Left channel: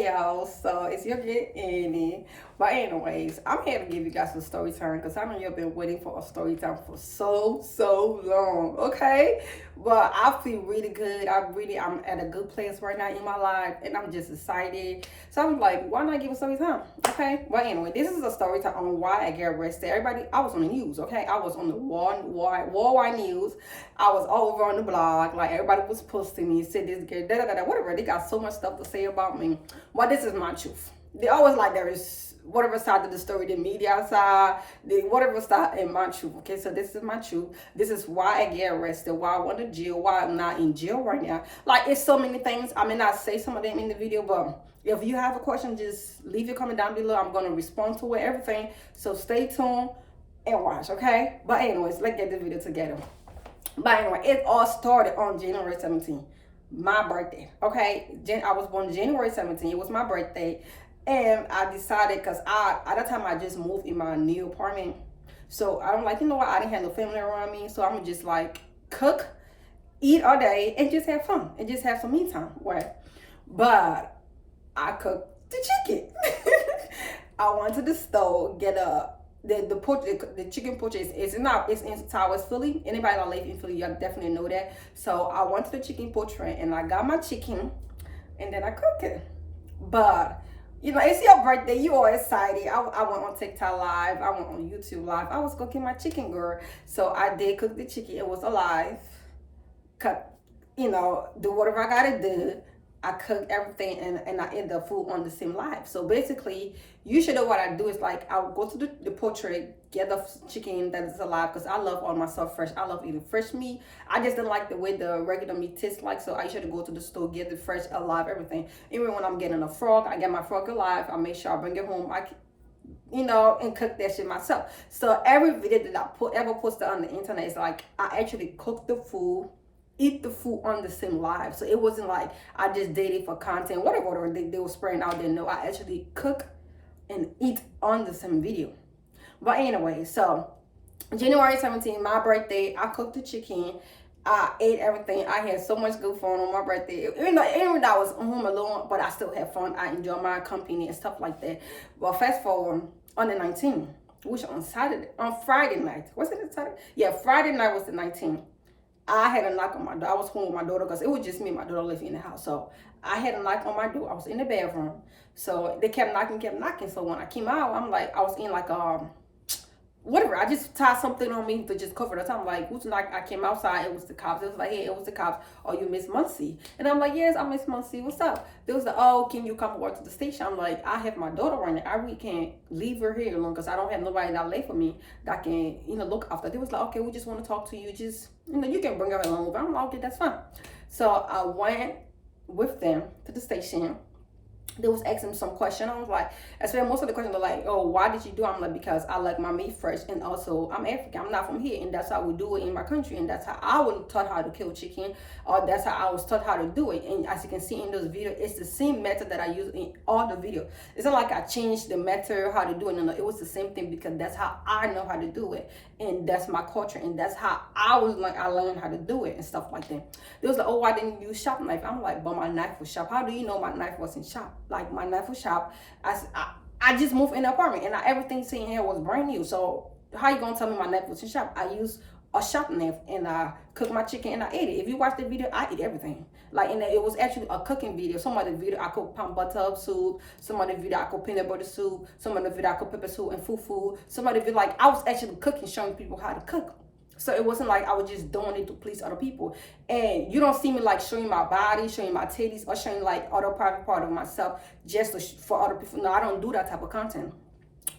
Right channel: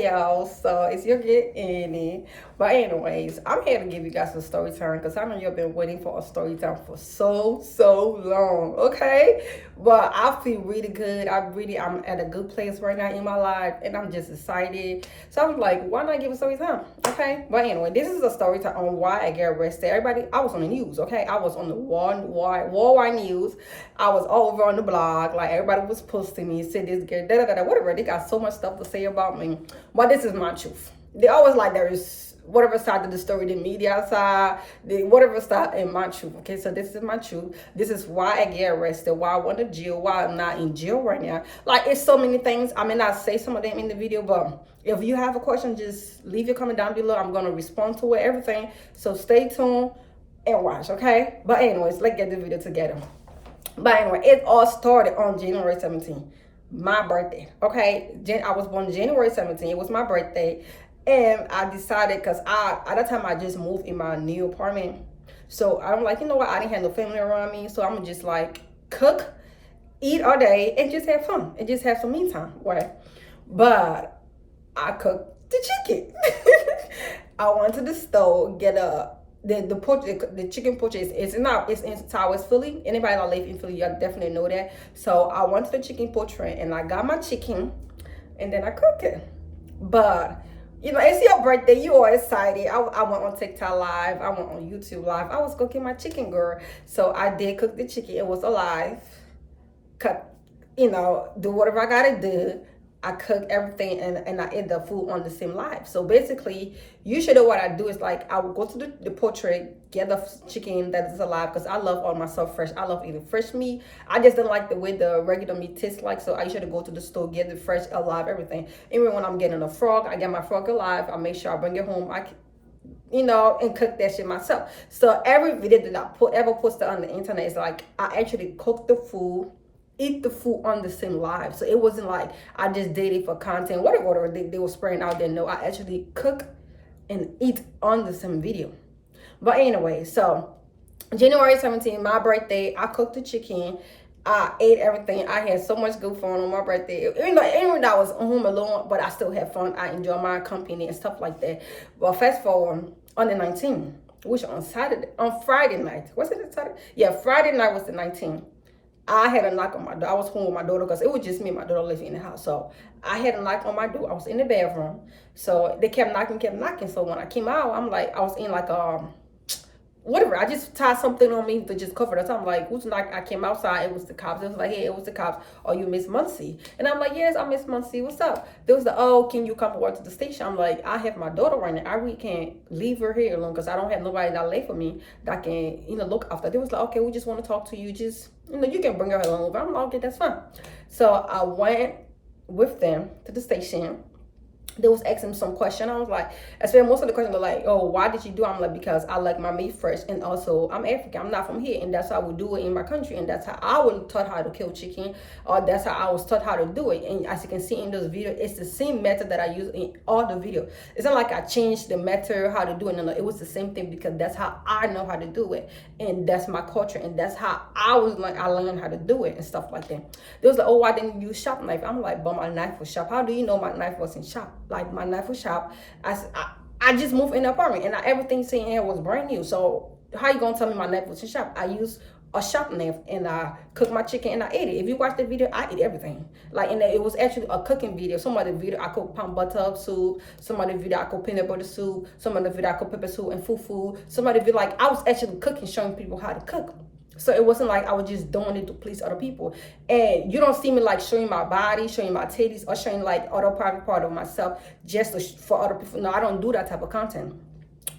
Y'all, so it's your get Annie. But anyways, I'm here to give you guys a story time because I know you've been waiting for a story time for so long. Okay, but I feel really good. I'm at a good place right now in my life, and I'm just excited. So I'm like, why not give a story time? Okay, but anyway, this is a story time on why I get arrested. Everybody, I was on the news. Okay, I was on the worldwide news. I was all over on the blog. Like everybody was posting me, said this girl, whatever. They got so much stuff to say about me. But this is my truth. They always like there is whatever side of the story, the media side, the whatever side, and my truth. Okay, so this is my truth. This is why I get arrested, why I went to jail, why I'm not in jail right now. Like it's so many things. I may not say some of them in the video, but if you have a question, just leave your comment down below. I'm gonna respond to it, everything. So stay tuned and watch, okay? But anyways, let's get the video together. But anyway, it all started on January 17th, my birthday. Okay, I was born January 17th. It was my birthday, and I decided because at that time I just moved in my new apartment, so I'm like, you know what? I didn't have no family around me, so I'm just like cook, eat all day, and just have fun and just have some me time. Right? But I cooked the chicken. I went to the store get a the chicken porch is not it's in Towers, Philly. Anybody that live in Philly, you definitely know that. So I went to the chicken portrait and I got my chicken, and then I cooked it. But you know, it's your birthday. You are excited. I went on TikTok live. I went on YouTube live. I was cooking my chicken, girl. So I did cook the chicken. It was alive. Cut, do whatever I gotta do. I cook everything and I eat the food on the same live. So basically, usually what I do is like I will go to the portrait, get the chicken that is alive because I love all my stuff fresh. I love eating fresh meat. I just don't like the way the regular meat tastes like. So I usually go to the store, get the fresh, alive, everything. Even when I'm getting a frog, I get my frog alive. I make sure I bring it home. And cook that shit myself. So every video that I ever posted on the internet is like I actually cook the food, eat the food on the same live. So it wasn't like I just did it for content, whatever they were spraying out there. No, I actually cook and eat on the same video. But anyway, so January 17th, my birthday, I cooked the chicken. I ate everything. I had so much good fun on my birthday. Even though I was home alone, but I still had fun. I enjoyed my company and stuff like that. But fast forward on the 19th, which on Friday night. Was it Saturday? Yeah, Friday night was the 19th. I had a knock on my door. I was home with my daughter because it was just me and my daughter living in the house. So I had a knock on my door. I was in the bathroom. So they kept knocking. So when I came out, I'm like, I was in like whatever. I just tied something on me to just cover the time. Like, who's knock? I came outside. It was the cops. It was like, hey, it was the cops. Oh, you Miss Muncie? And I'm like, yes, I'm Miss Muncie. What's up? There was oh, can you come over to the station? I'm like, I have my daughter right now. I really can't leave her here alone because I don't have nobody that lay for me that can, look after. They was like, okay, we just want to talk to you. Just, you can bring her along. I'm like, okay, that's fine. So I went with them to the station. They was asking some question. I was like, I spent most of the questions were like, oh, why did you do it? I'm like, because I like my meat fresh, and also I'm African. I'm not from here, and that's how we do it in my country, and that's how I was taught how to kill chicken, or that's how I was taught how to do it. And as you can see in those videos, it's the same method that I use in all the videos. It's not like I changed the method how to do it. No, it was the same thing because that's how I know how to do it, and that's my culture, and that's how I learned how to do it and stuff like that. They was like, oh, why didn't you use sharp knife? I'm like, but my knife was sharp. How do you know my knife wasn't sharp? Like my knife was sharp. I just moved in the apartment and everything sitting here was brand new. So how you gonna tell me my knife wasn't sharp? I used a sharp knife and I cooked my chicken and I ate it. If you watch the video, I ate everything. And it was actually a cooking video. Some of the video I cooked palm butter soup. Some of the video I cooked peanut butter soup. Some of the video I cooked pepper soup and fufu. Some of the video I was actually cooking, showing people how to cook. So it wasn't like I was just doing it to please other people. And you don't see me like showing my body, showing my titties, or showing like other private part of myself just for other people. No, I don't do that type of content.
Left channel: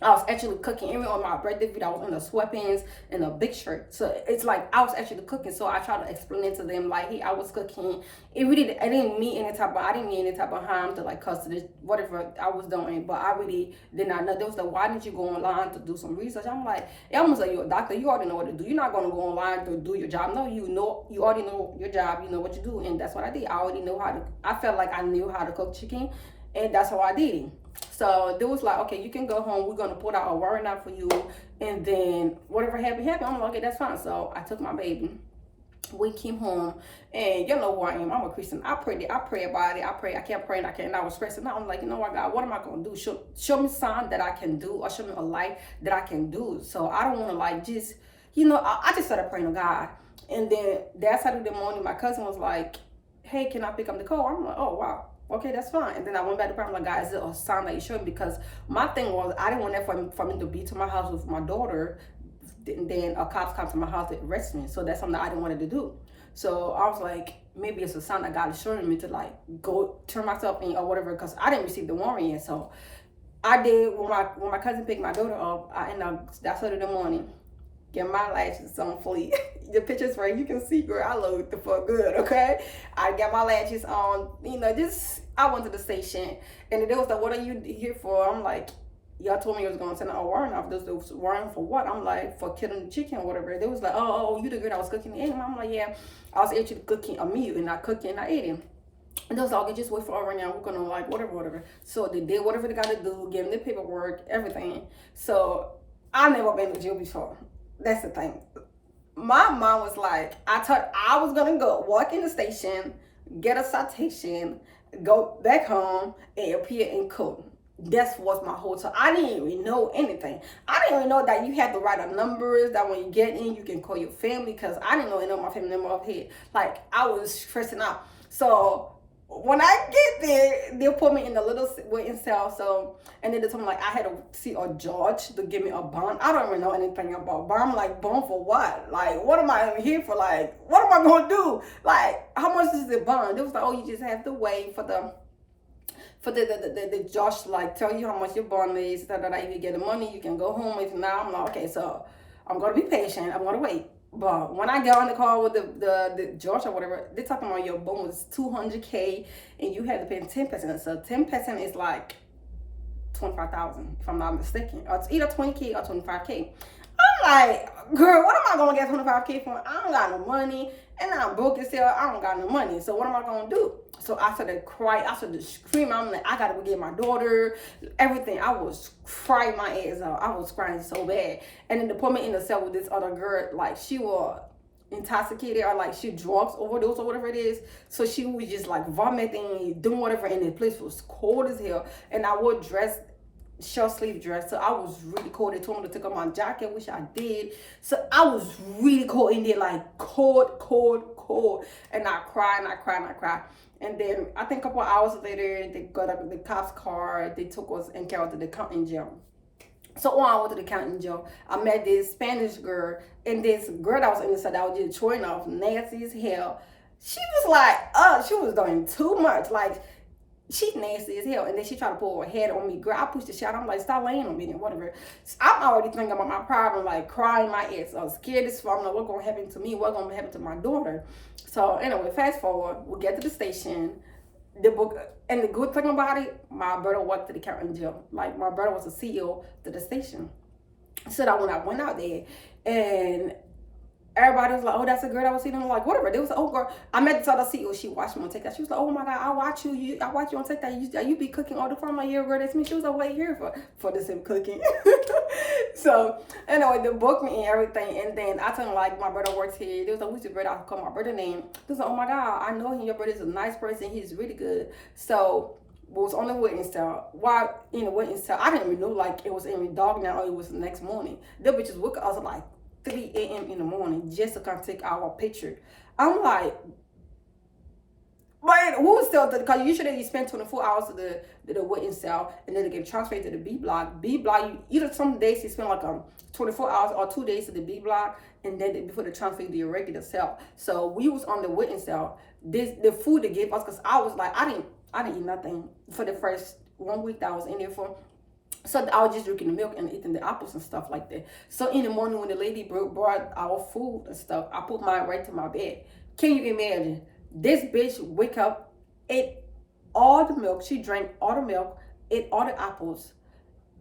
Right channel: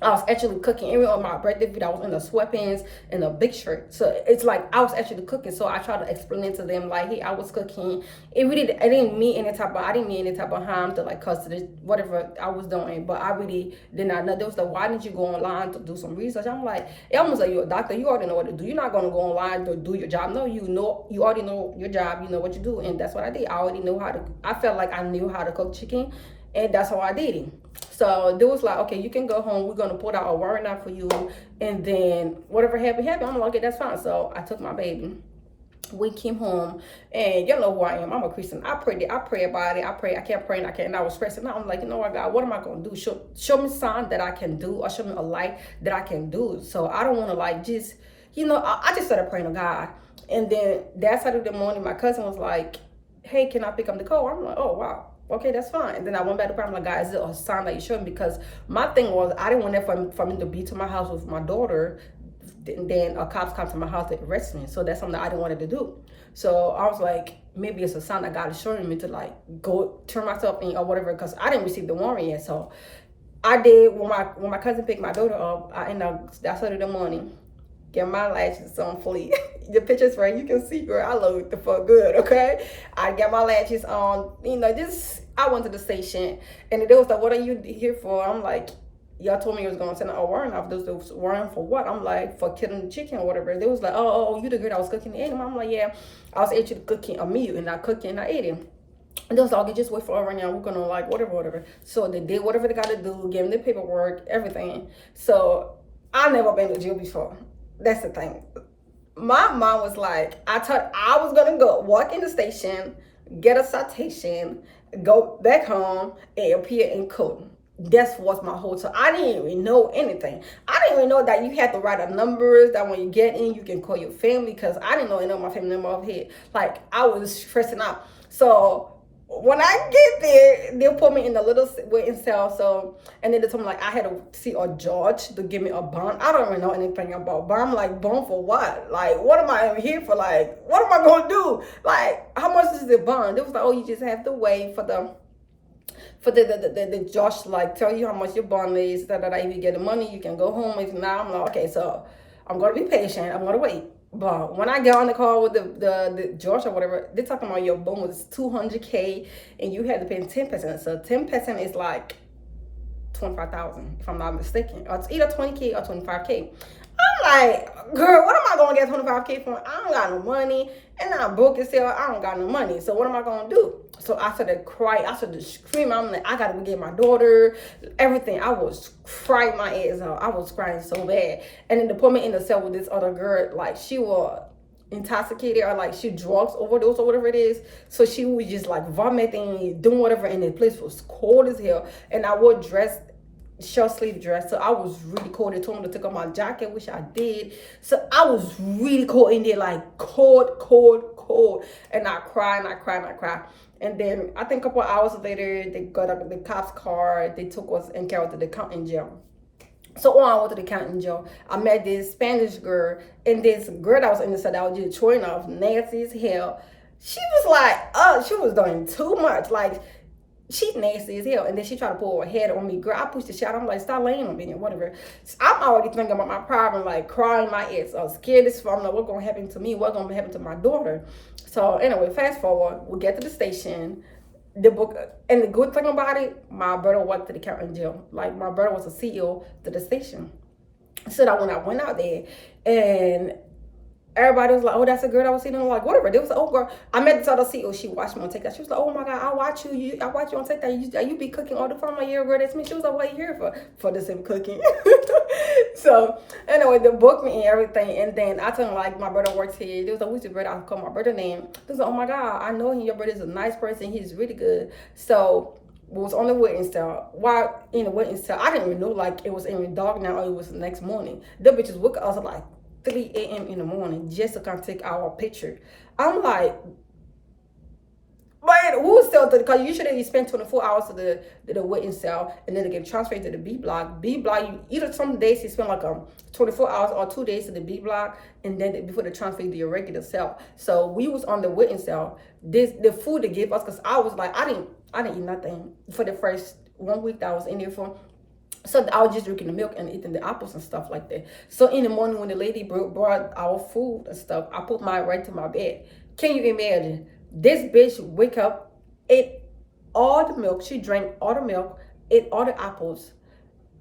I was actually cooking. Even on my birthday video, I was in the sweatpants and a big shirt. So it's like I was actually cooking. So I tried to explain it to them like, hey, I was cooking. I didn't mean any type of harm to like custody, whatever I was doing. But I really did not know. There was like, why didn't you go online to do some research? I'm like, it almost like you're a doctor. You already know what to do. You're not gonna go online to do your job. No, you already know your job. You know what you do, and that's what I did. I felt like I knew how to cook chicken. And that's how I did it. So they was like, okay, you can go home. We're gonna put out a warrant out for you, and then whatever happened. I'm like, okay, that's fine. So I took my baby. We came home, and you know who I am. I'm a Christian. I pray about it. I pray. I kept praying. I can't. And I was stressing out. I'm like, you know what, God, what am I gonna do? Show me something that I can do, or show me a light that I can do. So I don't want to like just, I just started praying to God, and then that Saturday morning, my cousin was like, hey, can I pick up the call? I'm like, oh wow. Okay, that's fine. And then I went back to prayer. I'm like, God, is it a sign that you showed me? Because my thing was, I didn't want that for me to be to my house with my daughter, then a cops come to my house to arrest me. So that's something that I didn't want to do. So I was like, maybe it's a sign that God is showing me to like go turn myself in or whatever, because I didn't receive the warrant yet. So I did. When my cousin picked my daughter up, I ended up that Saturday morning get my lashes on fully. The pictures where you can see, girl, I look the fuck good, okay? I got my lashes on, just I went to the station, and they was like, what are you here for? I'm like, y'all told me you was gonna send a warrant off. Those warrant for what? I'm like, for killing the chicken or whatever. They was like, oh, you the girl that was cooking the egg. I'm like, yeah, I was actually cooking a meal and not cooking, not eating. And they was like, okay, just wait for her right now. We're gonna like whatever. So they did whatever they gotta do, give them the paperwork, everything. So I never been to jail before. That's the thing. My mom was like, I thought I was gonna go walk in the station, get a citation, go back home, and appear in court. That's was my whole time. I didn't even know anything. I didn't even know that you had to write a numbers that when you get in, you can call your family, because I didn't know any of my family member off here. Like, I was stressing out. So when I get there, they'll put me in the little waiting cell. So, and then they told me like I had to see a judge to give me a bond. I don't even know anything about bond. I'm like, bond for what? Like, what am I here for? Like, what am I gonna do? Like, how much is the bond? It was like, oh, you just have to wait for the judge to like tell you how much your bond is. That if you get the money, you can go home. If not, I'm like, okay, so I'm gonna be patient. I'm gonna wait. But when I get on the call with the judge or whatever, they're talking about your bond was $200K and you had to pay 10%. So 10% is like 25,000, if I'm not mistaken. Or it's either 20K or 25K. I'm like, girl, what am I gonna get 25K from? I don't got no money, and I'm broke as hell. I don't got no money. So what am I gonna do? So I started crying. I started screaming. I'm like, I gotta go get my daughter. Everything. I was crying my ass out. I was crying so bad. And then they put me in the cell with this other girl. Like, she was intoxicated, or like she drugs overdose or whatever it is. So she was just like vomiting, doing whatever, and the place was cold as hell. And I wore short sleeve dress, so I was really cold. They told me to take off my jacket, which I did. So I was really cold in there, like cold. And I cried. And then I think a couple of hours later, they got up the cops' car. They took us and carried to the county jail. So on I went to the county jail. I met this Spanish girl, and this girl that was in the side that was just showing off, nasty as hell. She was like, she was doing too much. Like, she's nasty as hell. And then she tried to pull her head on me. Girl, I pushed the shit. I'm like, stop laying on me and whatever. So I'm already thinking about my problem, like crying my ass. I was scared as fuck. I'm like, what's going to happen to me? What's going to happen to my daughter? So anyway, fast forward. We get to the station. The book, and the good thing about it, my brother worked at the county jail. Like, my brother was a CEO to the station. So that when I went out there, and everybody was like, oh, that's a girl I was seeing. I'm like, whatever. There was an old girl. I met this other CEO. She watched me on TikTok. She was like, oh my God, I watch you. I watch you on TikTok. You be cooking all the time. I'm like, yeah, girl, that's me. She was like, what are you here for? For the same cooking. So anyway, they booked me and everything. And then I told them, like, my brother works here. There was like, who's your brother? I called my brother name. They was like, oh my God, I know him. Your brother's a nice person. He's really good. So was on the witness cell. While in the witness cell, I didn't even know like it was even dark now or it was the next morning. The bitches woke up. I was like 3 a.m. in the morning just to come take our picture. I'm like, man, who was still, because usually you spend 24 hours to the waiting cell and then they get transferred to the B block. B block, you either some days you spend like 24 hours or 2 days to the B block, and then before they transfer you to your regular cell. So we was on the waiting cell. The food they gave us, because I was like, I didn't eat nothing for the first 1 week that I was in there for. So I was just drinking the milk and eating the apples and stuff like that. So in the morning when the lady brought our food and stuff, I put mine right to my bed. Can you imagine? This bitch wake up, ate all the milk. She drank all the milk, ate all the apples,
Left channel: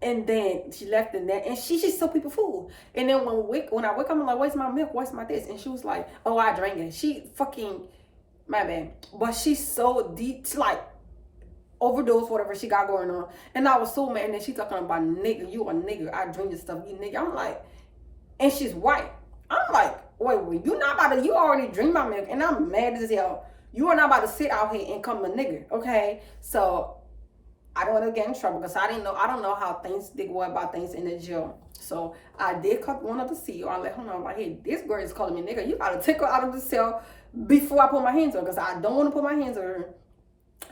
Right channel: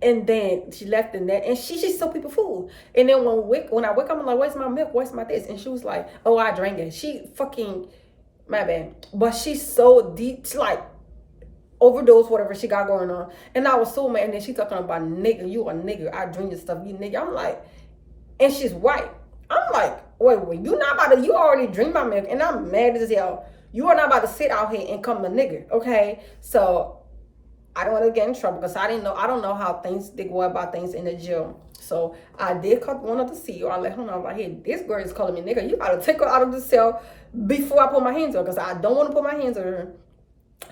and then she left the net. And she just told people food. And then when I wake up, I'm like, where's my milk? Where's my this? And she was like, oh, I drank it. She fucking, my bad. But she's so deep, like, overdose, whatever she got going on. And I was so mad. And then she talking about nigga, you a nigga. I drink your stuff, you nigga. I'm like, and she's white. I'm like, wait, you not about to, you already drink my milk, and I'm mad as hell. You are not about to sit out here and come a nigga, okay? So I don't want to get in trouble because I don't know how things, they go about things in the jail. So I did cut one of the CEO. I let her know, like, hey, this girl is calling me nigga. You gotta take her out of the cell before I put my hands on her, because I don't want to put my hands on her.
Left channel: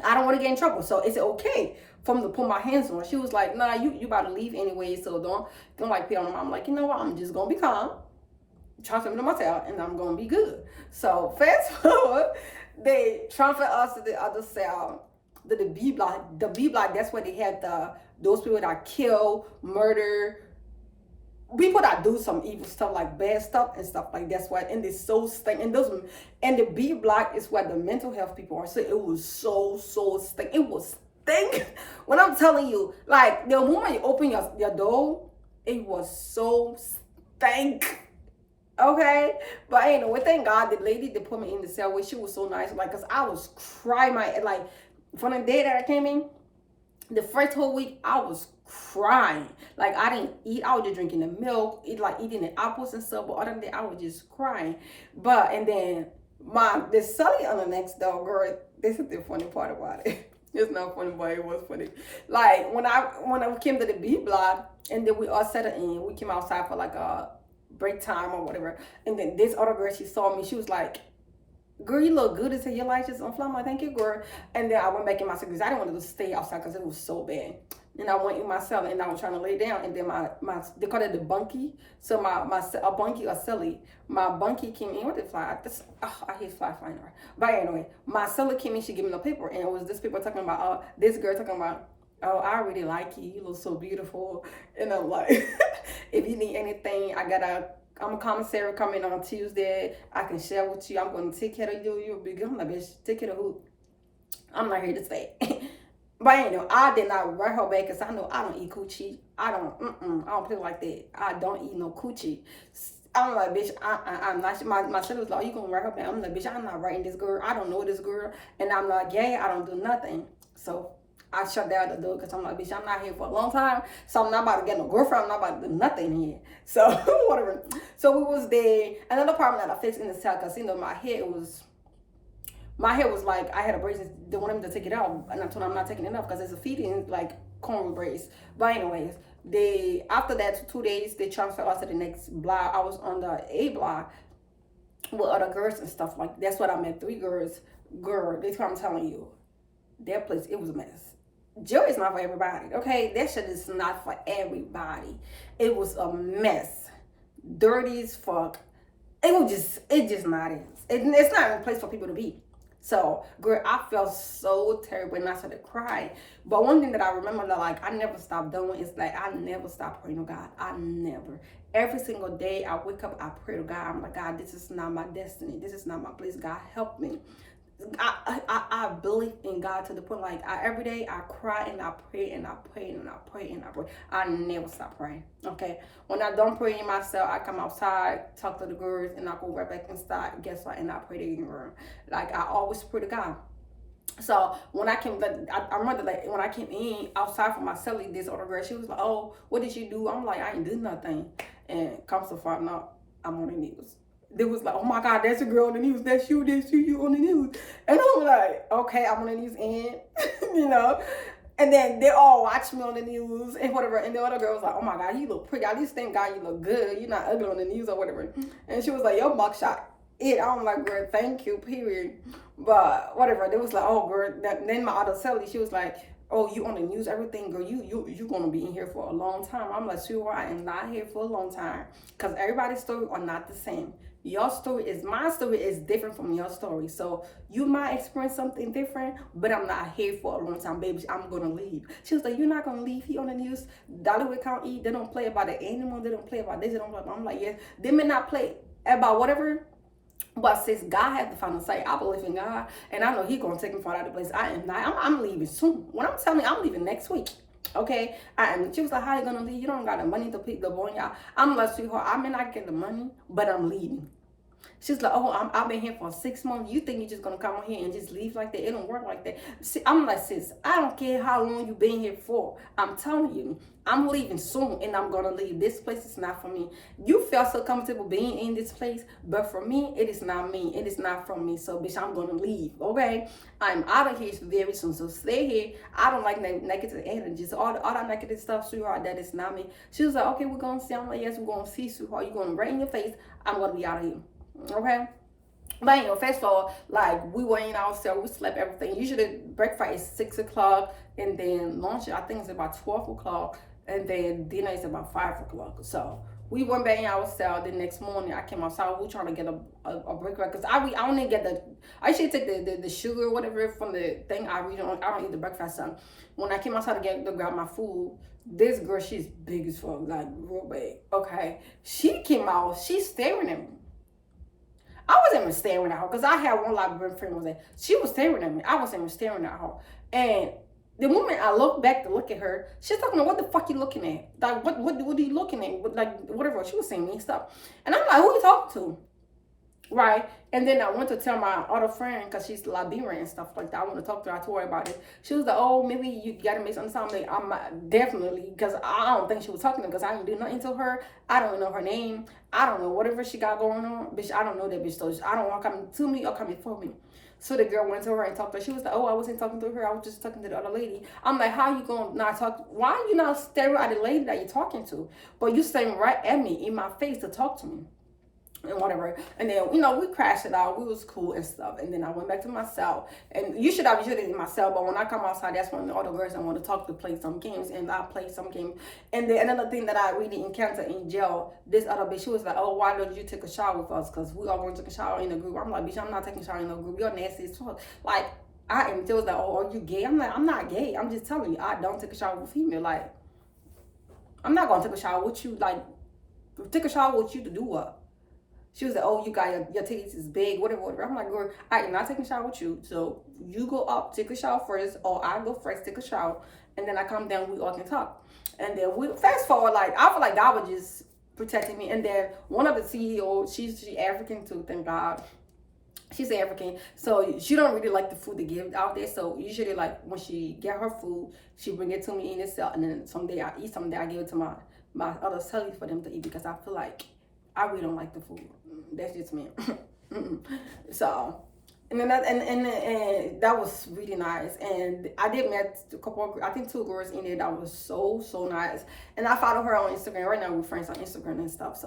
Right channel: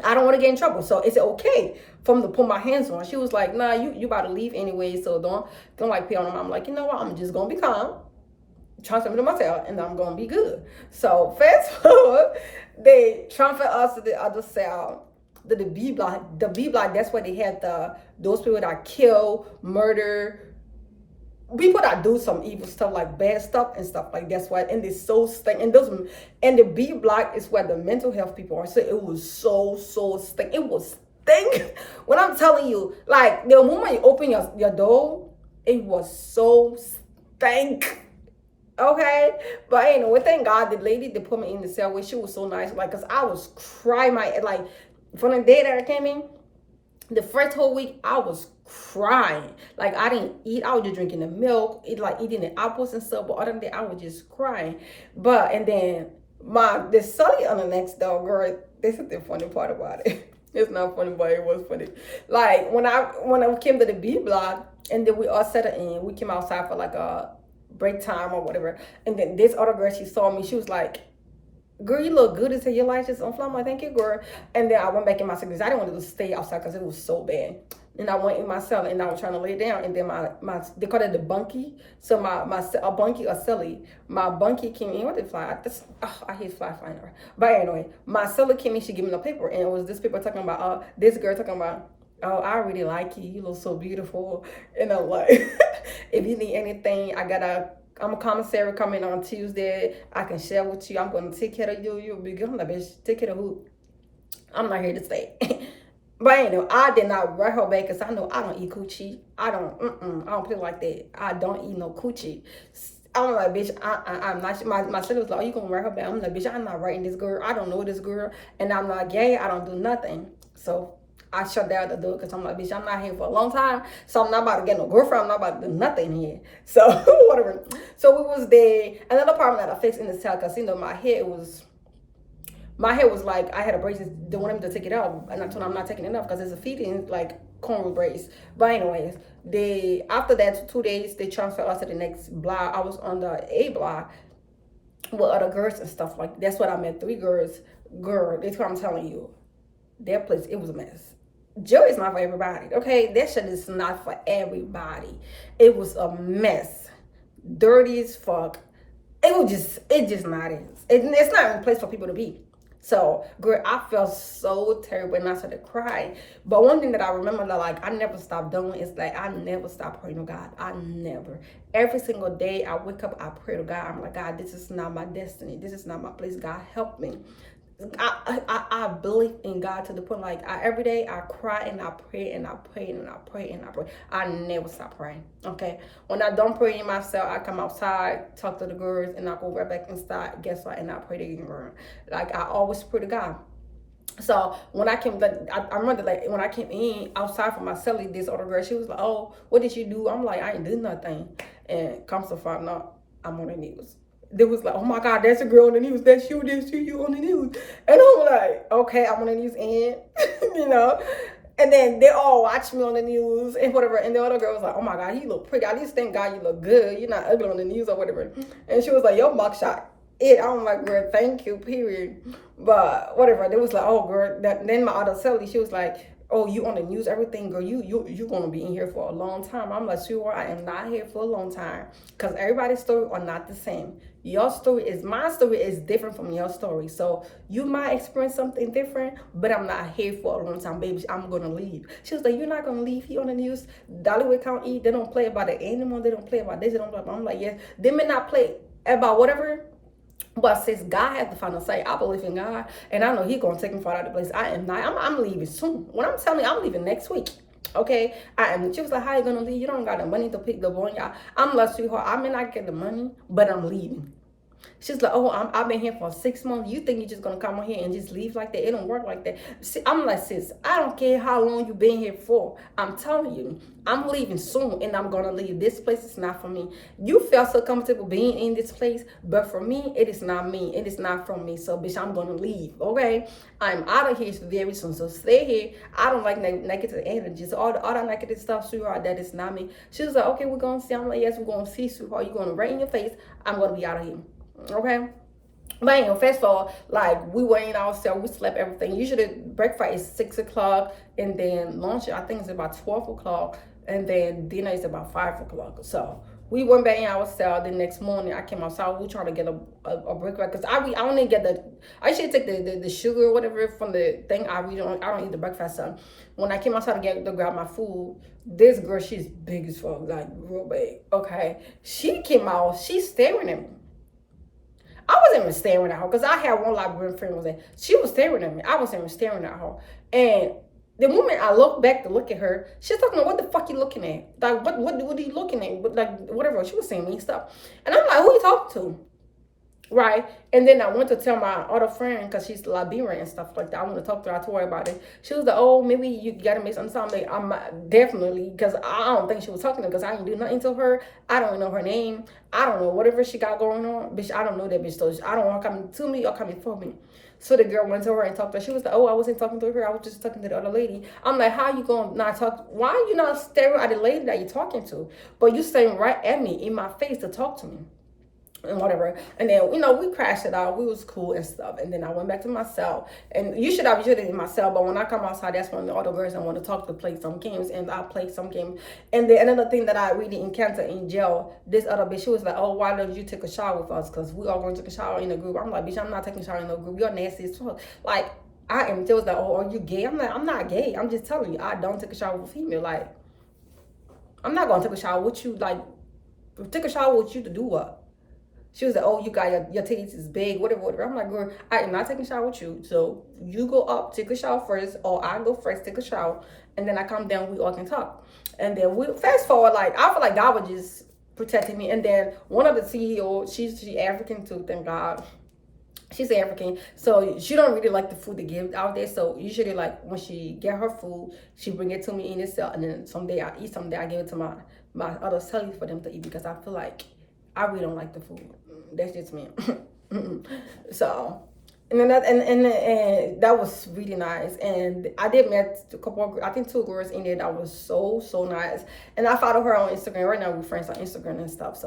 I don't want to get in trouble. So it's okay for me to put my hands on her. She was like, nah, you about to leave anyway, so don't like pay on them. I'm like, you know what? I'm just gonna be calm, transfer me to my cell, and I'm gonna be good. So fast forward, they transfer us to the other cell, the B block. The B block, that's where they had those people that kill, murder, people that do some evil stuff, like bad stuff and stuff like that's why. And they so stink. And the B block is where the mental health people are. So it was so stink. It was stink. When I'm telling you, like the moment you open your door, it was so stink. Okay, but anyway, thank God the lady that put me in the cell with, she was so nice. Like, cause I was crying like from the day that I came in, the first whole week I was crying. Like I didn't eat. I was just drinking the milk, eating the apples and stuff. But other than that, I was just crying. But and then the Sully on the next door, girl. This is the funny part about it. It's not funny, but it was funny. Like when I came to the B block, and then we all settled in. We came outside for like a break time or whatever. And then this other girl, she saw me. She was like, girl, you look good as hell. Your lights just on fire. I'm like, thank you, girl. And then I went back in my cell because I didn't want to stay outside because it was so bad. And I went in my cell and I was trying to lay down. And then my they call it the bunkie. So a bunkie or celly. My bunkie came in. What did fly? I hate flying. But anyway, my celly came in. She gave me the paper. And it was this paper talking about, this girl talking about, oh, I really like you. You look so beautiful. And I'm like, if you need anything, I'm a commissary coming on Tuesday. I can share with you. I'm going to take care of you. You'll be good. I'm like, bitch, take care of who? I'm not here to stay. But anyway, I did not write her back because I know I don't eat coochie. I don't play like that. I don't eat no coochie. I'm like, bitch, I'm not. My son was like, oh, you gonna write her back? I'm like, bitch, I'm not writing this girl. I don't know this girl. And I'm like, yeah, I don't do nothing. So I shut down the door because I'm like, bitch, I'm not here for a long time. So I'm not about to get no girlfriend. I'm not about to do nothing here. So whatever. So we was there. Another apartment that I fixed in the cell because, you know, my hair was like, I had a brace. They wanted me to take it out. And I told them I'm not taking it off because it's a feeding, like, cornrow brace. But anyways, after that 2 days, they transferred us to the next block. I was on the A block with other girls and stuff. Like, that's what I met. 3 girls. Girl, that's what I'm telling you. That place, it was a mess. Jail is not for everybody, okay? That shit is not for everybody. It was a mess. Dirty as fuck. It just not is. It's not even a place for people to be. So, girl, I felt so terrible and I started crying. But one thing that I remember that, like, I never stopped doing is, like, I never stopped praying to God. I never. Every single day I wake up, I pray to God. I'm like, God, this is not my destiny. This is not my place. God, help me. I believe in God to the point, like, every day I cry and I pray and I pray and I pray and I pray. I never stop praying, okay? When I don't pray in myself, I come outside, talk to the girls, and I go right back inside, guess what, and I pray to you. Like, I always pray to God. So when I came, I remember, like, when I came in outside from my celly, this other girl, she was like, oh, what did you do? I'm like, I ain't do nothing. And comes to find out, I'm on the news. They was like, oh my God, that's a girl on the news. That's you on the news. And I'm like, okay, I'm on the news and, you know. And then they all watch me on the news and whatever. And the other girl was like, oh my God, you look pretty. At least thank God you look good. You're not ugly on the news or whatever. And she was like, yo, mugshot. I'm like, girl, thank you, period. But whatever. They was like, oh, girl. Then my other celly, she was like, oh, you on the news, everything, girl, you gonna be in here for a long time. I'm like, sure, I am not here for a long time. Because everybody's story are not the same. My story is different from your story. So you might experience something different, but I'm not here for a long time, baby. I'm gonna leave. She was like, you're not gonna leave here on the news? Dollywood County, they don't play about the animal, they don't play about this, they don't play about. I'm like, yes, they may not play about whatever. But since God has the final say, I believe in God, and I know He's gonna take me far out of the place. I am not. I'm leaving soon. When I'm telling you, I'm leaving next week. Okay, I am. She was like, "How you gonna leave? You don't got the money to pick the boy, y'all." I'm like, sweetheart, I may not get the money, but I'm leaving. She's like, oh, I've been here for 6 months. You think you're just gonna come on here and just leave like that? It don't work like that. See, I'm like, sis, I don't care how long you've been here for. I'm telling you, I'm leaving soon and I'm gonna leave. This place is not for me. You felt so comfortable being in this place, but for me, it is not me. It is not from me. So, bitch, I'm gonna leave. Okay, I'm out of here very soon. So stay here. I don't like negative energies. All that negative stuff, sweetheart. That is not me. She was like, okay, we're gonna see. I'm like, yes, we're gonna see, sweetheart. You're gonna right in your face. I'm gonna be out of here. Okay. But anyway, first of all, like we were in our cell, we slept everything. Usually breakfast is 6 o'clock, and then lunch I think is about 12 o'clock, and then dinner is about 5 o'clock. So we went back in our cell. The next morning I came outside. We were trying to get a breakfast because I only get I should take the sugar or whatever from the thing. I don't eat the breakfast. So when I came outside to grab my food, this girl, she's big as fuck, like real big. Okay, she came out. She's staring at me. I wasn't even staring at her because I had one librarian friend was there. She was staring at me. I wasn't even staring at her. And the moment I looked back to look at her, she's talking about what the fuck you looking at? Like what are you looking at? Like whatever. She was saying me stuff. And I'm like, who you talking to? Right. And then I went to tell my other friend because she's Liberian and stuff like that. I want to talk to her. I told her about it. She was like, oh, maybe you got to make something. I'm definitely, because I don't think she was talking to her because I didn't do nothing to her. I don't know her name. I don't know whatever she got going on. Bitch, I don't know that bitch. So I don't want her coming to me or coming for me. So the girl went to her and talked to her. She was like, oh, I wasn't talking to her. I was just talking to the other lady. I'm like, how you going to not talk? Why are you not staring at the lady that you're talking to? But you staring right at me in my face to talk to me. And whatever, and then we crashed it out. We was cool and stuff, and then I went back to my cell. And you should have in my cell, but when I come outside, that's when the other girls I want to talk to play some games, and I play some games. And then another thing that I really encountered in jail, this other bitch, she was like, "Oh, why don't you take a shower with us? Cause we all going to take a shower in a group." I'm like, "Bitch, I'm not taking a shower in no group. You're nasty as fuck." Like I am. They was like, "Oh, are you gay?" I'm like, "I'm not gay. I'm just telling you, I don't take a shower with female. Like I'm not gonna take a shower with you. Like take a shower with you to do what?" She was like, oh, you got your titties is big, whatever. I'm like, girl, I am not taking a shower with you. So you go up, take a shower first, or I go first, take a shower, and then I come down, we all can talk. And then we fast forward, like I feel like God was just protecting me. And then one of the CEOs, she's African too, thank God. She's African, so she don't really like the food they give out there. So usually, like when she get her food, she bring it to me in the cell, and then someday I eat, someday I give it to my other cellies for them to eat because I feel like I really don't like the food. That's just me. So, and then and that was really nice. And I did met a couple, I think 2 girls in there that was so nice. And I follow her on Instagram. Right now we're friends on Instagram and stuff.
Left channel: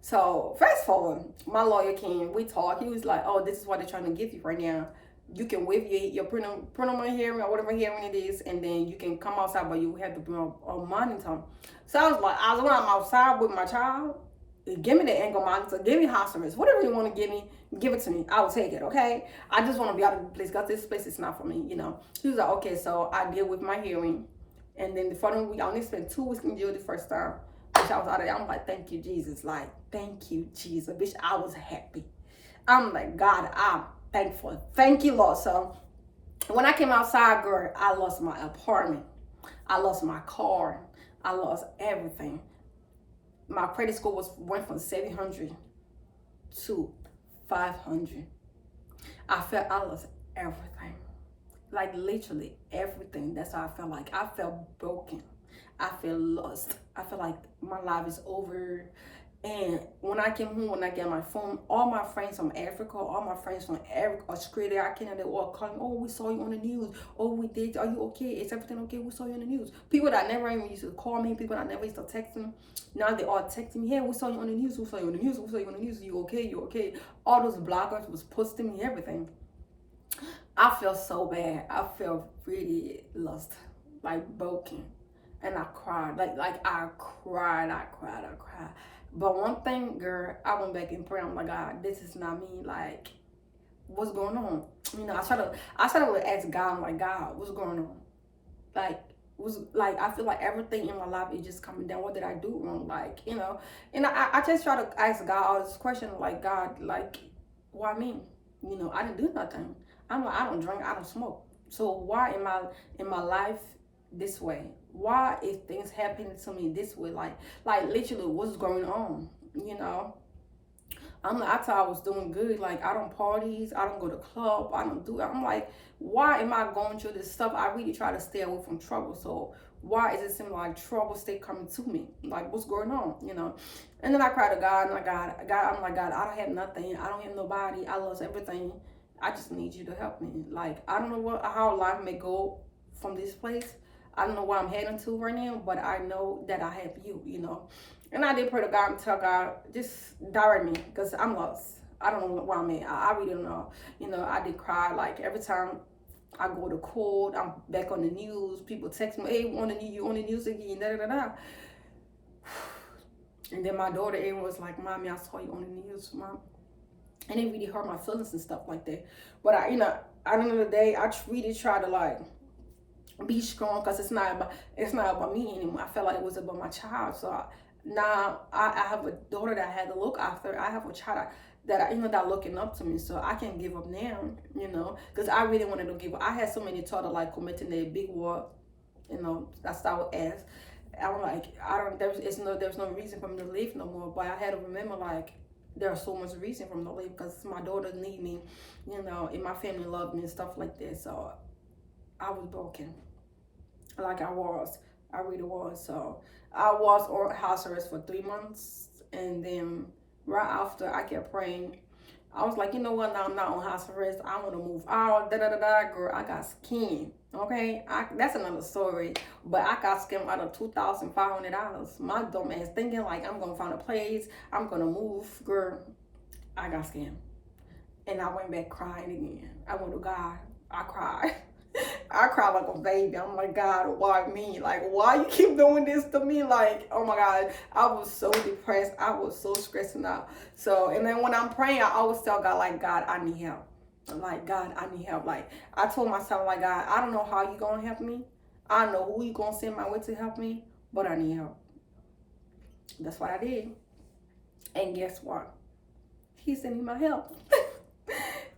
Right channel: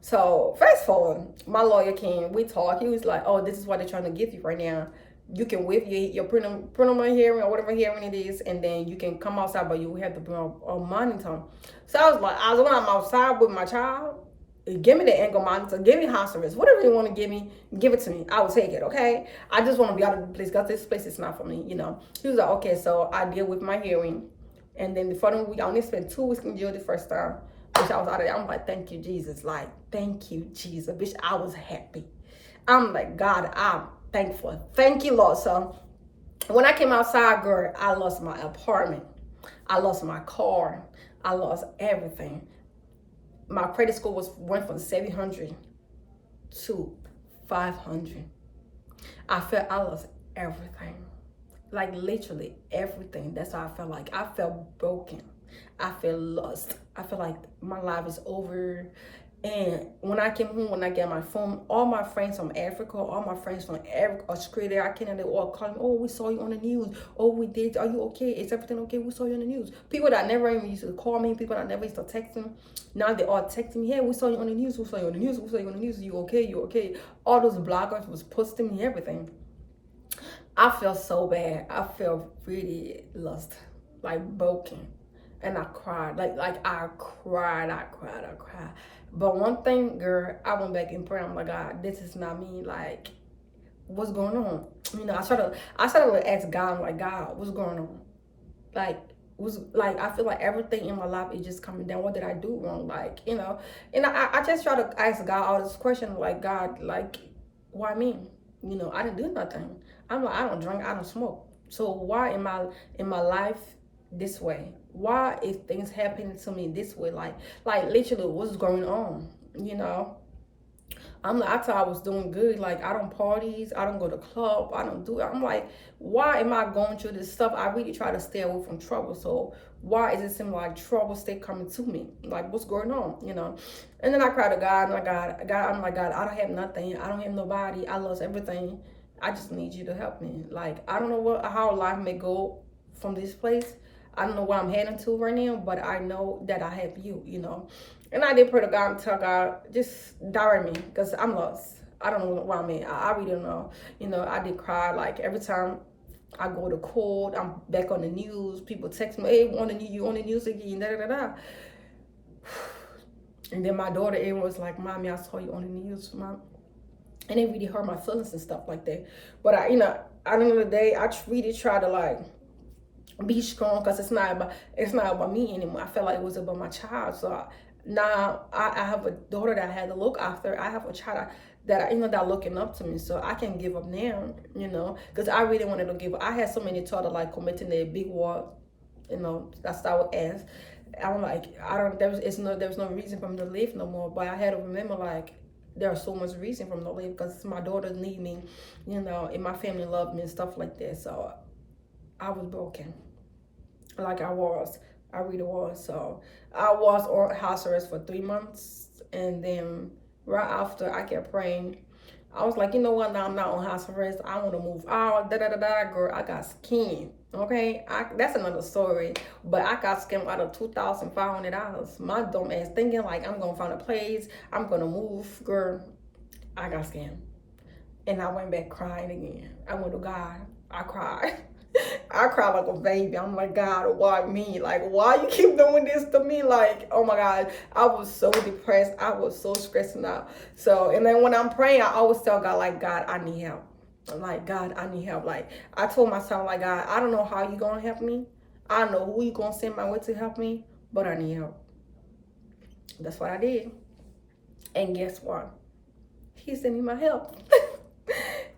So fast forward, my lawyer came. We talked. He was like, "Oh, this is what they're trying to give you right now. You can waive your preliminary hearing or whatever hearing it is, and then you can come outside, but you have to bring a monitor." So I was like, when I'm outside with my child, give me the ankle monitor, give me house arrest, whatever you want to give me, give it to me. I will take it, okay? I just want to be out of the place because this place is not for me, He was like, okay, so I deal with my hearing. And then the following week, I only spent 2 weeks in jail the first time, which I was out of there. I'm like, thank you, Jesus. Like, thank you, Jesus. Bitch, I was happy. I'm like, God, I'm thankful. Thank you, Lord. So when I came outside, girl, I lost my apartment. I lost my car. I lost everything. My credit score went from 700 to 500. I felt I lost everything. Like literally everything. That's how I felt like. I felt broken. I felt lost. I feel like my life is over. And when I came home, when I got my phone, all my friends from Africa, all my friends from Australia, Canada, all calling, oh, we saw you on the news. Oh, we did. Are you okay? Is everything okay? We saw you on the news. People that never even used to call me, people that never used to text me, now they all texting me, hey, we saw you on the news. We saw you on the news. We saw you on the news. You okay? You okay? All those bloggers was posting me everything. I felt so bad. I felt really lost, like broken. And I cried. Like I cried. But one thing, girl, I went back and prayed. I'm like, God, this is not me. Like, what's going on? I started to ask God, I'm like, God, what's going on? I feel like everything in my life is just coming down. What did I do wrong? Like, and I just try to ask God all this question, like, God, like, why me? I didn't do nothing. I'm like, I don't drink, I don't smoke. So why am I in my life this way? Why is things happening to me this way? Like literally what's going on? I thought I was doing good. Like, I don't parties, I don't go to club, I don't do it. I'm like, why am I going through this stuff? I really try to stay away from trouble. So why is it seem like trouble stay coming to me? Like, what's going on? And then I cried to God, and I'm like, God, I don't have nothing. I don't have nobody. I lost everything. I just need you to help me. Like, I don't know how life may go from this place. I don't know where I'm heading to right now, but I know that I have you. And I did pray to God and tell God, just direct me, because I'm lost. I don't know where I'm at. I really don't know. I did cry. Like, every time I go to court, I'm back on the news. People text me, hey, you on the news again, da da da da. And then my daughter, everyone was like, Mommy, I saw you on the news, Mom. And it really hurt my feelings and stuff like that. But at the end of the day, I really try to, like, be strong, because it's not about me anymore. I felt like it was about my child. So now I have a daughter that I had to look after. I have a child that looking up to me. So I can give up now, because I really wanted to give up. I had so many thoughts of, like, committing a big war, that's what I would ask. I'm like, there was no reason for me to live no more. But I had to remember, like, there's so much reason for me to live, because my daughters need me, and my family love me and stuff like that. So I was broken. Like, I really was. So I was on house arrest for 3 months, and then right after, I kept praying. I was like, you know what? Now I'm not on house arrest. I want to move out. Da da da da. Girl, I got scammed. Okay, that's another story. But I got scammed out of $2,500. My dumb ass thinking, like, I'm gonna find a place. I'm gonna move. Girl, I got scammed, and I went back crying again. I went to God. I cried. I cried like a baby. I'm like, God, why me? Like, why you keep doing this to me? Like, oh my God, I was so depressed. I was so stressing out. So, and then when I'm praying, I always tell God, like, God, I need help. Like, God, I need help. Like, I told myself, like, God, I don't know how you gonna help me. I don't know who you gonna send my way to help me, but I need help. That's what I did. And guess what? He sent me my help.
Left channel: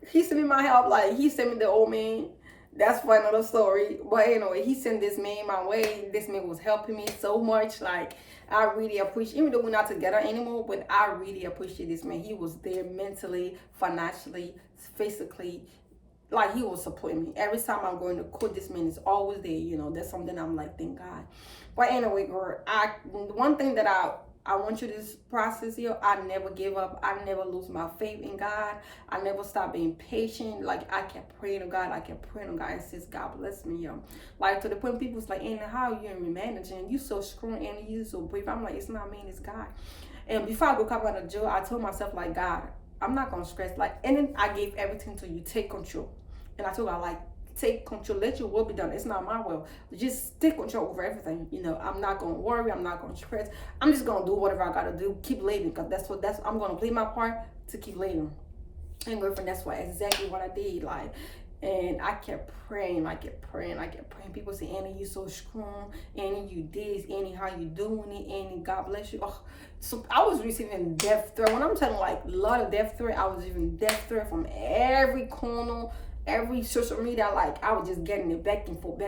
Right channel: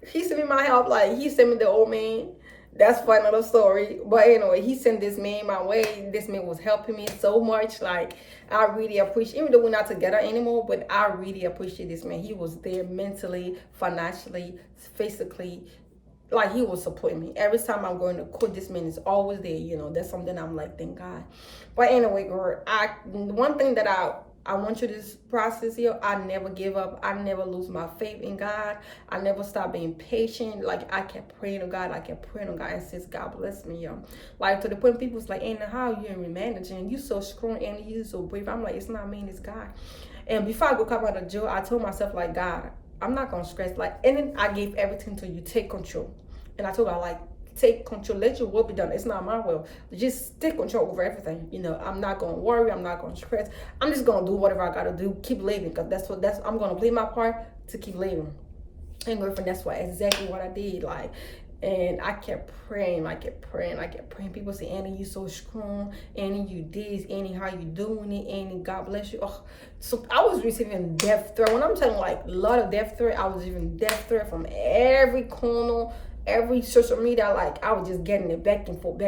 He sent me my help. Like, he sent me the old man. That's for another story. But anyway, he sent this man my way. This man was helping me so much. Like, I really appreciate, even though we're not together anymore, but I really appreciate this man. He was there mentally, financially, physically. Like, he was supporting me. Every time I'm going to court, this man is always there. That's something I'm like, thank God. But anyway, girl, one thing that I want you to process here. I never give up. I never lose my faith in God. I never stop being patient. Like, I kept praying to God. I kept praying to God, and since God bless me, like, to the point people's like, Anna, how you in managing? You so strong, and you so brave. I'm like, it's not me, it's God. And before I go come out of jail, I told myself, like, God, I'm not gonna stress. Like, and then I gave everything to you. Take control. And I told God, like, take control, let your will be done. It's not my will. Just take control over everything. I'm not gonna worry, I'm not gonna stress. I'm just gonna do whatever I gotta do, keep living, because I'm gonna play my part to keep living. And girlfriend, that's exactly what I did. Like, and I kept praying. People say, Annie, you so strong. Annie, you this. Annie, how you doing it? Annie, God bless you. Oh, so I was receiving death threat. When I'm telling, like, a lot of death threat, I was receiving death threat from every corner, every social media. Like, I was just getting it back and forth.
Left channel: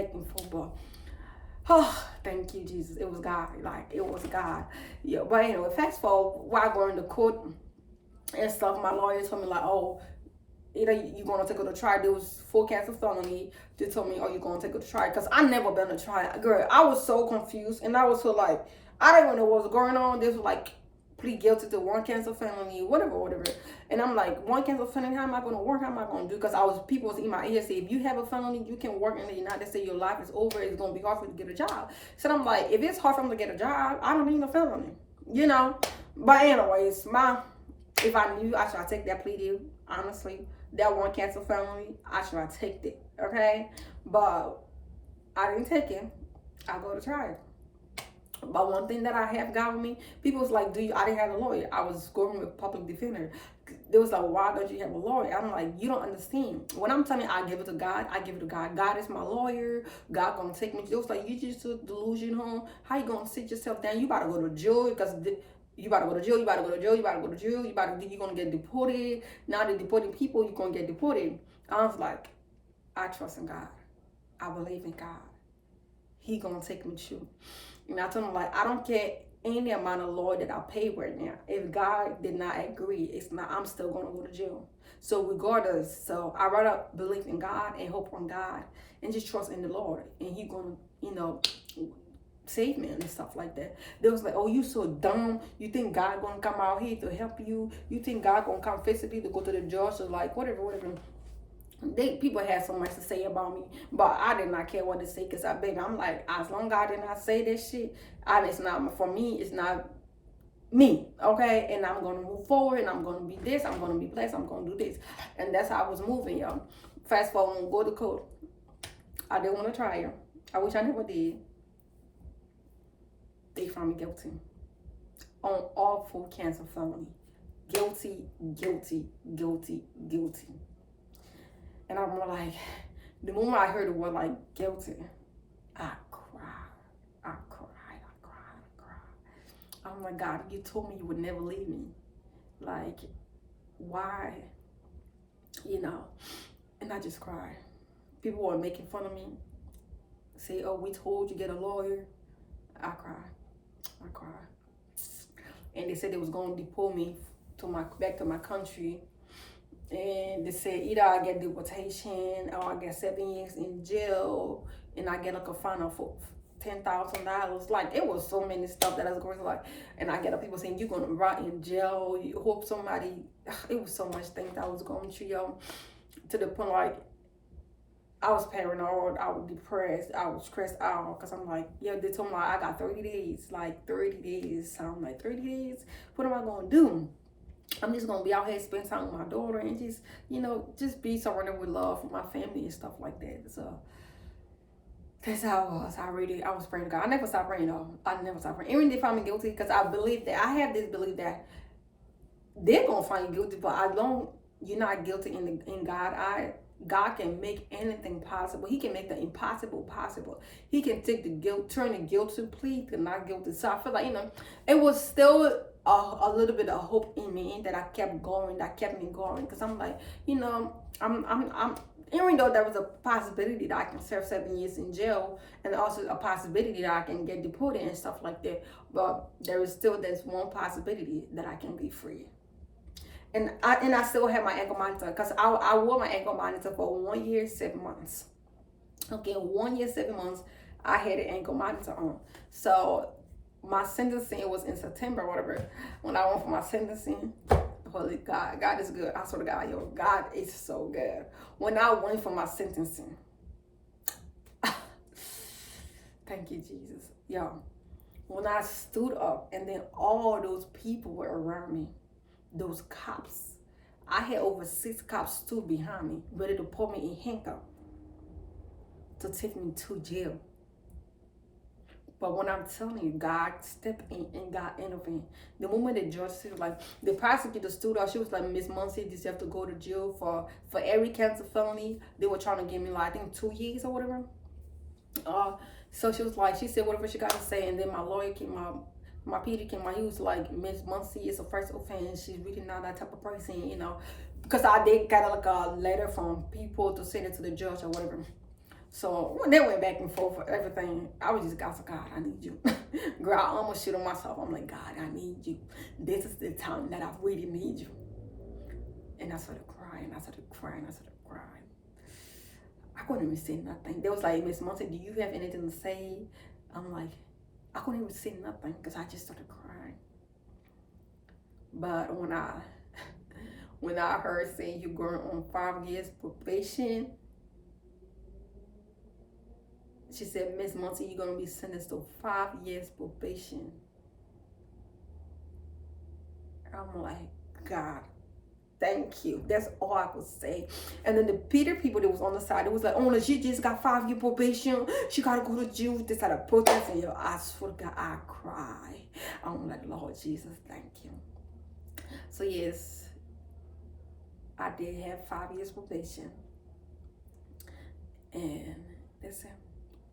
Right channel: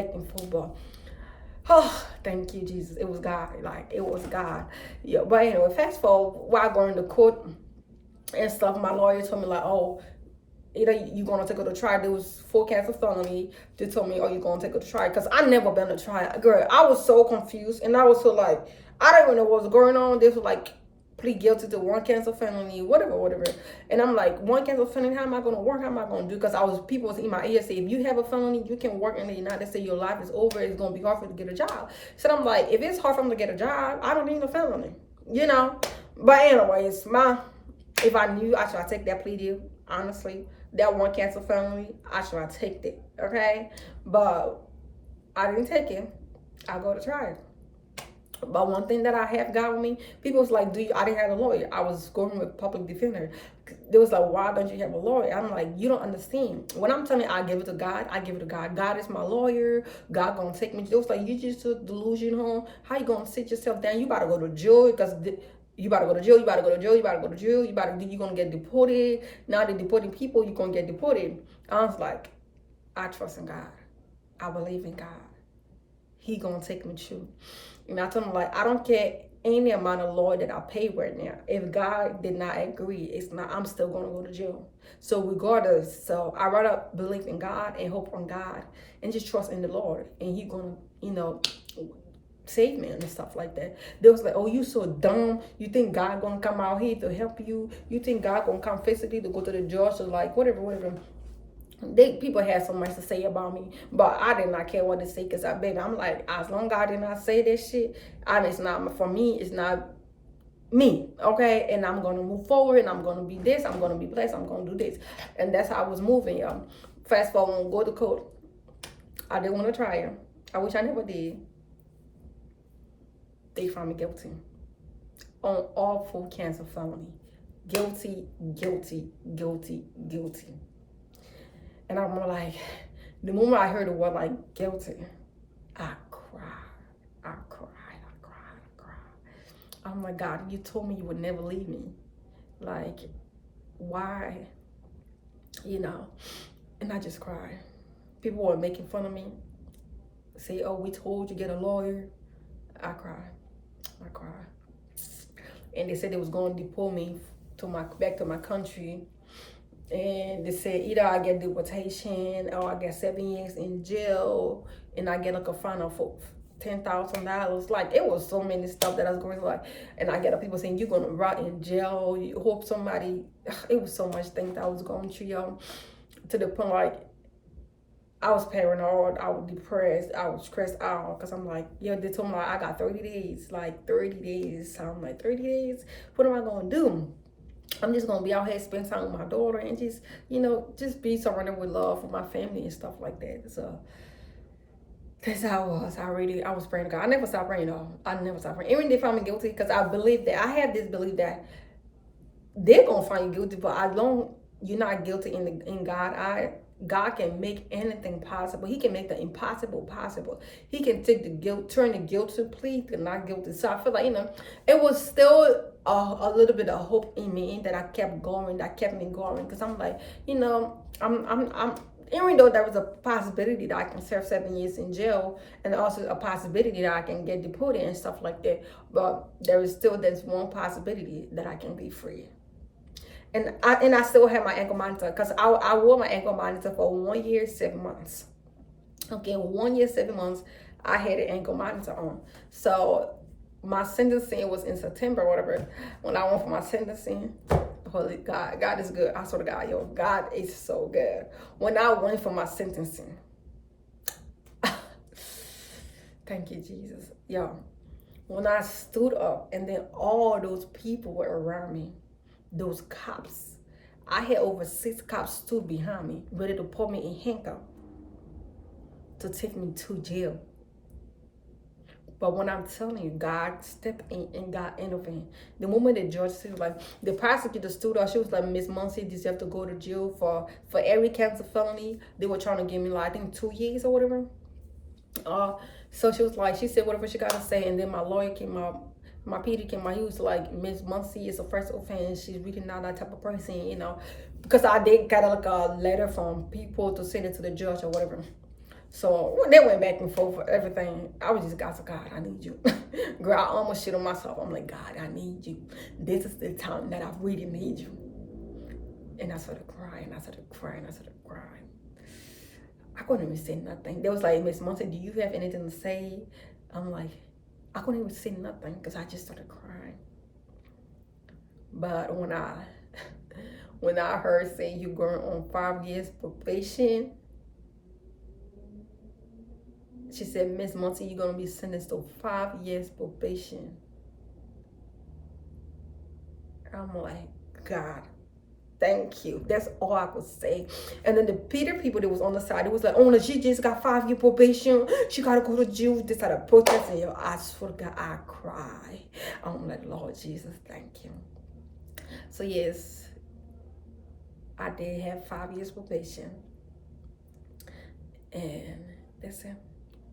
But oh, thank you, Jesus. It was God. Like, it was God. Yeah. But anyway, fast forward, while going to court and stuff, my lawyer told me, like, oh, either you gonna take her to trial. There was 4 counts of felony. They told me, oh, you gonna take her to trial, because I never been to trial. Girl, I was so confused, and I was so, like, I don't even know what was going on. This was like, plead guilty to 1 count of felony, whatever. And I'm like, 1 count of felony, how am I gonna work? How am I gonna do? Because people was in my ear say, if you have a felony, you can work in the United States. Your life is over. It's gonna be hard for you to get a job. So I'm like, if it's hard for me to get a job, I don't need a felony, But anyways, if I knew I should take that plea deal, honestly, that 1 count of felony, I should have taken it, okay? But I didn't take it. I go to trial. But one thing that I have got with me, people was like, I didn't have a lawyer. I was going with public defender. They was like, why don't you have a lawyer? I'm like, you don't understand. When I'm telling you, I give it to God, I give it to God. God is my lawyer. God gonna take me. It was like, you just took delusion. How you gonna sit yourself down? You about to go to jail, because you about to go to jail, you about to go to jail, you about to go to jail, you're going to get deported. Now they're deporting people, you're going to get deported. I was like, I trust in God. I believe in God. He going to take me through. And I told him, like, I don't care any amount of lawyer that I pay right now, if God did not agree, it's not. I'm still gonna go to jail. So regardless, so I rather believe in God and hope on God and just trust in the Lord, and He gonna, save me and stuff like that. They was like, oh, you so dumb. You think God gonna come out here to help you? You think God gonna come physically to go to the judge? So like whatever. People had so much to say about me, but I did not care what to say because I'm like, as long as I did not say this shit, it's not for me. It's not me, okay? And I'm gonna move forward, and I'm gonna be this. I'm gonna be blessed. I'm gonna do this, and that's how I was moving, y'all. Fast forward, go to court. I didn't want to try her. I wish I never did. They found me guilty on all 4 counts of felony. Guilty. And I'm like, the moment I heard the word like guilty, I cried. I'm like, God, you told me you would never leave me. Like, why? And I just cried. People were making fun of me. Say, oh, we told you get a lawyer. I cried. And they said they was going to deport me back to my country. And they said either I get deportation or I get 7 years in jail and I get like a fine of $10,000. Like, it was so many stuff that I was going to like, and I get people saying you're gonna rot in jail. You hope somebody. It was so much things I was going through, to the point like I was paranoid, I was depressed, I was stressed out because I'm like, they told me like I got 30 days, like 30 days. So I'm like, 30 days? What am I gonna do? I'm just gonna be out here, spend time with my daughter, and just be surrounded with love for my family and stuff like that. So that's how I was. I was praying to God. I never stopped praying though. I never stopped praying. Even if they find me guilty, because I believe that I have this belief that they're gonna find you guilty, but as long you're not guilty in God, God can make anything possible. He can make the impossible possible. He can take the guilt, turn the guilt to plea to not guilty. So I feel like, it was still a little bit of hope in me that I kept going, that kept me going. Because I'm like, I'm even though there was a possibility that I can serve 7 years in jail, and also a possibility that I can get deported and stuff like that, but there's one possibility that I can be free. And I still have my ankle monitor because I wore my ankle monitor for 1 year, 7 months. Okay, 1 year, 7 months, I had an ankle monitor on. So my sentencing was in September, whatever. When I went for my sentencing, holy God is good. I swear to God, God is so good. When I went for my sentencing, thank you, Jesus. When I stood up and then all those people were around me, those cops, I had over 6 cops stood behind me, ready to put me in handcuffs to take me to jail. But when I'm telling you, God stepped in and God intervened. The moment the judge said, like, the prosecutor stood up, she was like, Miss Muncie, you have to go to jail for every count of felony. They were trying to give me, like, I think 2 years or whatever. So she said whatever she got to say, and then my lawyer came out. My PD came out, he was like, Miss Muncie is a first offense. She's really not that type of person, because I did get like a letter from people to send it to the judge or whatever. So they went back and forth for everything. I was just, God, I need you. Girl, I almost shit on myself. I'm like, God, I need you. This is the time that I really need you. And I started crying. I couldn't even say nothing. They was like, Miss Muncie, do you have anything to say? I'm like, I couldn't even say nothing because I just started crying. But when I heard saying you're going on 5 years probation, she said, Miss Muncie, you're going to be sentenced to 5 years probation. I'm like, God, thank you. That's all I could say. And then the Peter people that was on the side, it was like, oh, she just got 5 year probation. She got to go to jail. They started protesting. I swear to God, I cry. I'm like, Lord Jesus, thank you. So yes, I did have 5 years probation. And that's it.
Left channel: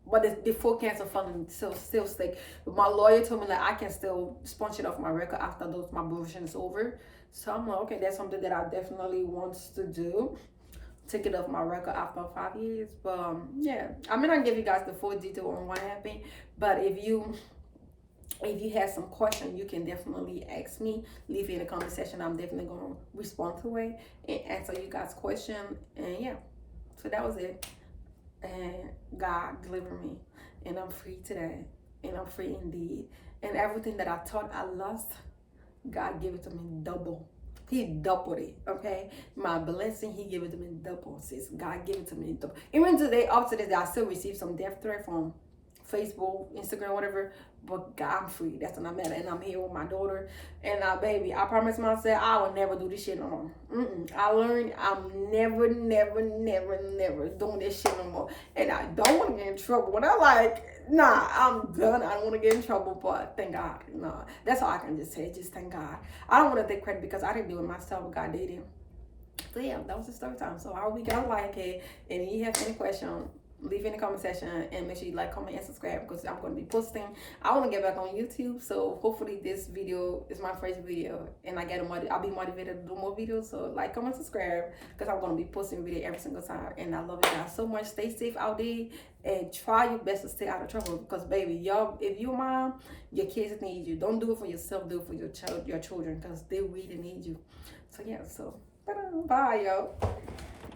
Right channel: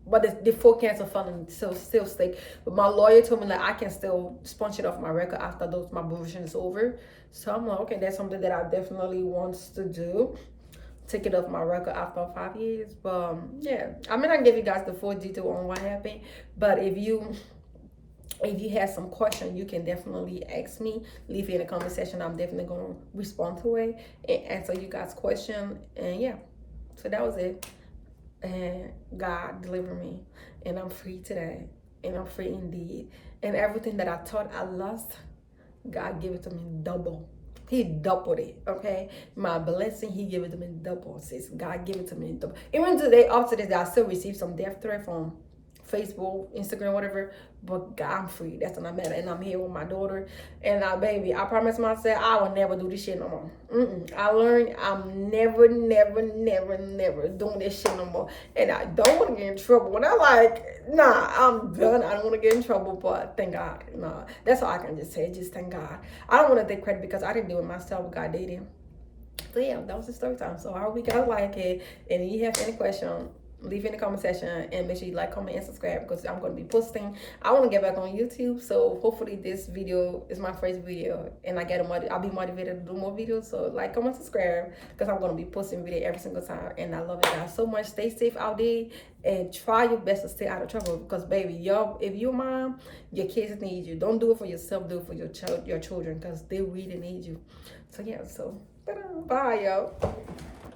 But the 4 counts of felony still stick. But my lawyer told me like I can still sponge it off my record after my probation is over. So I'm like, okay, that's something that I definitely want to do. Take it off my record after 5 years. But yeah, I mean, I give you guys the full detail on what happened. But if you If you have some question, you can definitely ask me. Leave it in the comment section. I'm definitely gonna respond to it and answer you guys' question. And yeah, so that was it. And God delivered me, and I'm free today, and I'm free indeed. And everything that I thought I lost, God gave it to me double. He doubled it, okay? My blessing, he gave it to me double. Sis, God gave it to me double. Even today, after this, I still receive some death threat from Facebook, Instagram, whatever. But God, I'm free. That's what I'm at. And I'm here with my daughter. And baby, I promise myself I will never do this shit no more. I learned I'm never doing this shit no more. And I don't want to get in trouble. When I like, nah, I'm done. I don't want to get in trouble. But thank God. Nah, that's all I can just say. Just thank God. I don't want to take credit because I didn't do it myself. God did it. So yeah, that was the story time. So I hope you guys like it. And if you have any question, leave in the comment section and make sure you like, comment, and subscribe because I'm going to be posting. I want to get back on YouTube, so hopefully this video is my first video and I'll be motivated to do more videos. So like, comment, subscribe because I'm going to be posting video every single time. And I love you guys so much. Stay safe out there and try your best to stay out of trouble because baby, y'all, if you're mom, your kids need you. Don't do it for yourself, do it for your children because they really need you. So yeah, so bye y'all.